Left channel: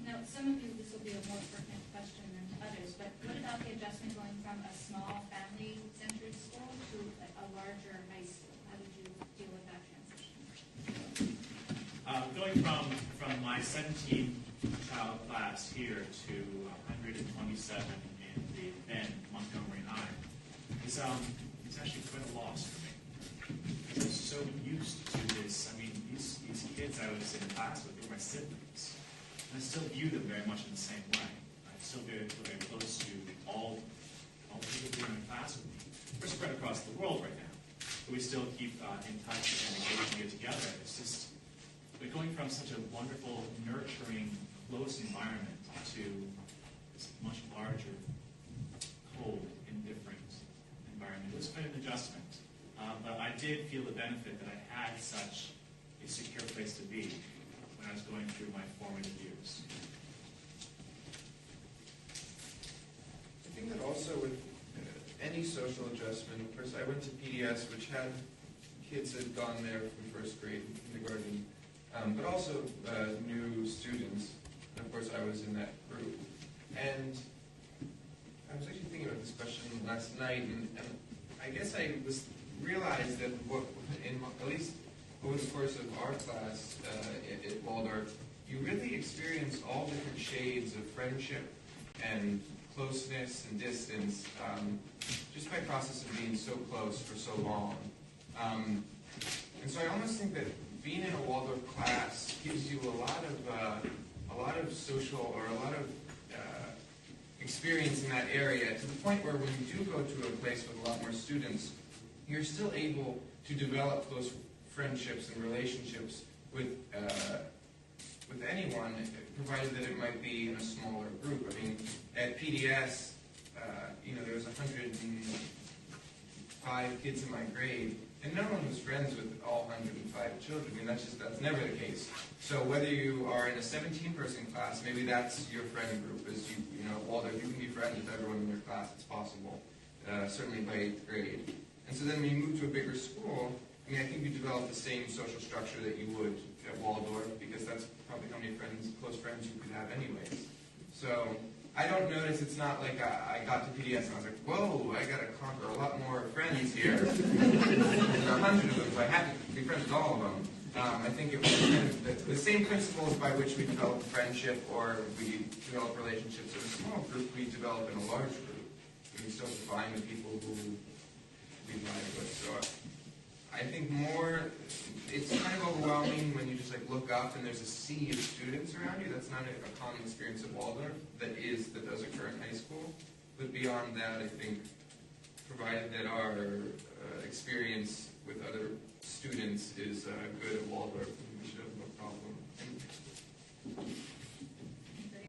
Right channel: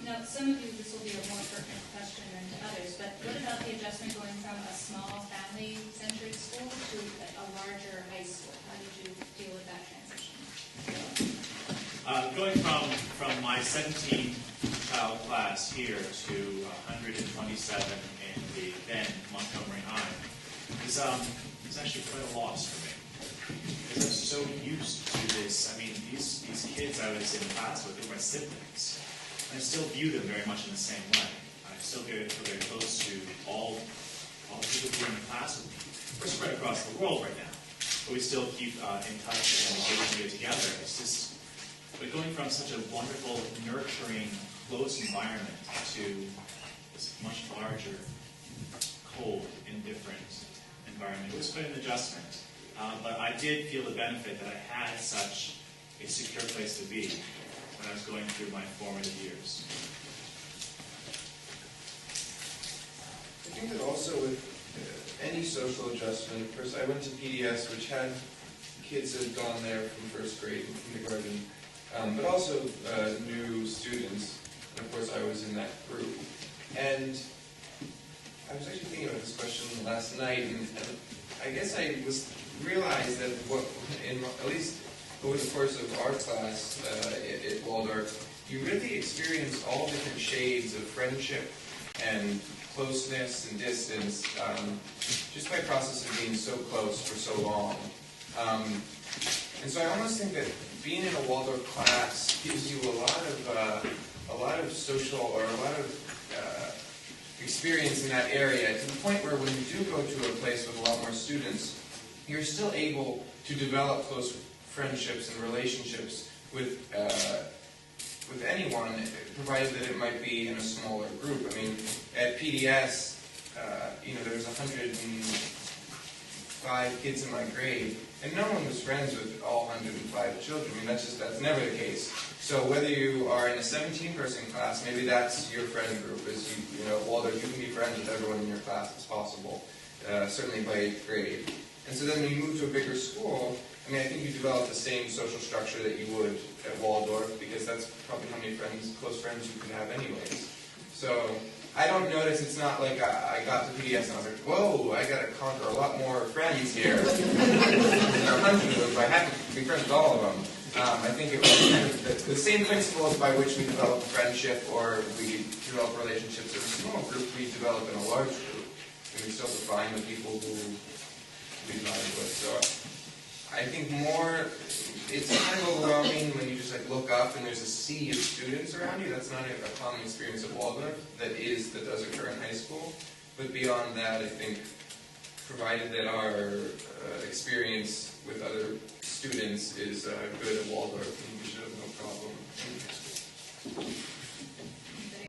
Now, some of you, this will be a more pertinent question than to others, but what about the adjustment going from a small family-centered school to a larger high school? How did you deal with that transition? Going from my 17-child class here to 127 in the then Montgomery High is actually quite a loss for me. Because I'm so used to this. I mean, these kids I was in class with were my siblings. And I still view them very much in the same way. I still feel very close to all the people who are in class with me. We're spread across the world right now, but we still keep in touch and engage and get together. It's just, but going from such a wonderful, nurturing, close environment to this much larger, cold, indifferent environment, it was quite an adjustment. But I did feel the benefit that I had such a secure place to be when I was going through my formative years. I think that also with any social adjustment, of course I went to PDS, which had kids that had gone there from first grade and kindergarten, but also new students, and of course I was in that group. And I was actually thinking about this question last night, and I guess I realized that at least over the course of our class at Waldorf, you really experience all different shades of friendship and closeness and distance just by process of being so close for so long. And so I almost think that being in a Waldorf class gives you a lot of social or a lot of experience in that area, to the point where when you do go to a place with a lot more students, you're still able to develop close friendships and relationships with anyone, provided that it might be in a smaller group. I mean, at PDS, there was 105 kids in my grade, and no one was friends with all 105 children. I mean, that's never the case. So whether you are in a 17-person class, maybe that's your friend group. As you know, at Waldorf, you can be friends with everyone in your class. It's possible, certainly by 8th grade. And so then when you move to a bigger school, I mean, I think you develop the same social structure that you would at Waldorf, because that's probably how many close friends you could have anyways. So I don't notice, it's not like I got to PDS and I was like, whoa, I got to conquer a lot more friends here. There are 100 of them, but I have to be friends with all of them. I think it was kind of the same principles by which we develop a friendship or we develop relationships in a small group, we develop in a large group. We still define the people who we vibe with. So I think it's kind of overwhelming when you just look up and there's a sea of students around you. That's not a common experience at Waldorf. That does occur in high school. But beyond that, I think, provided that our experience with other students is good at Waldorf,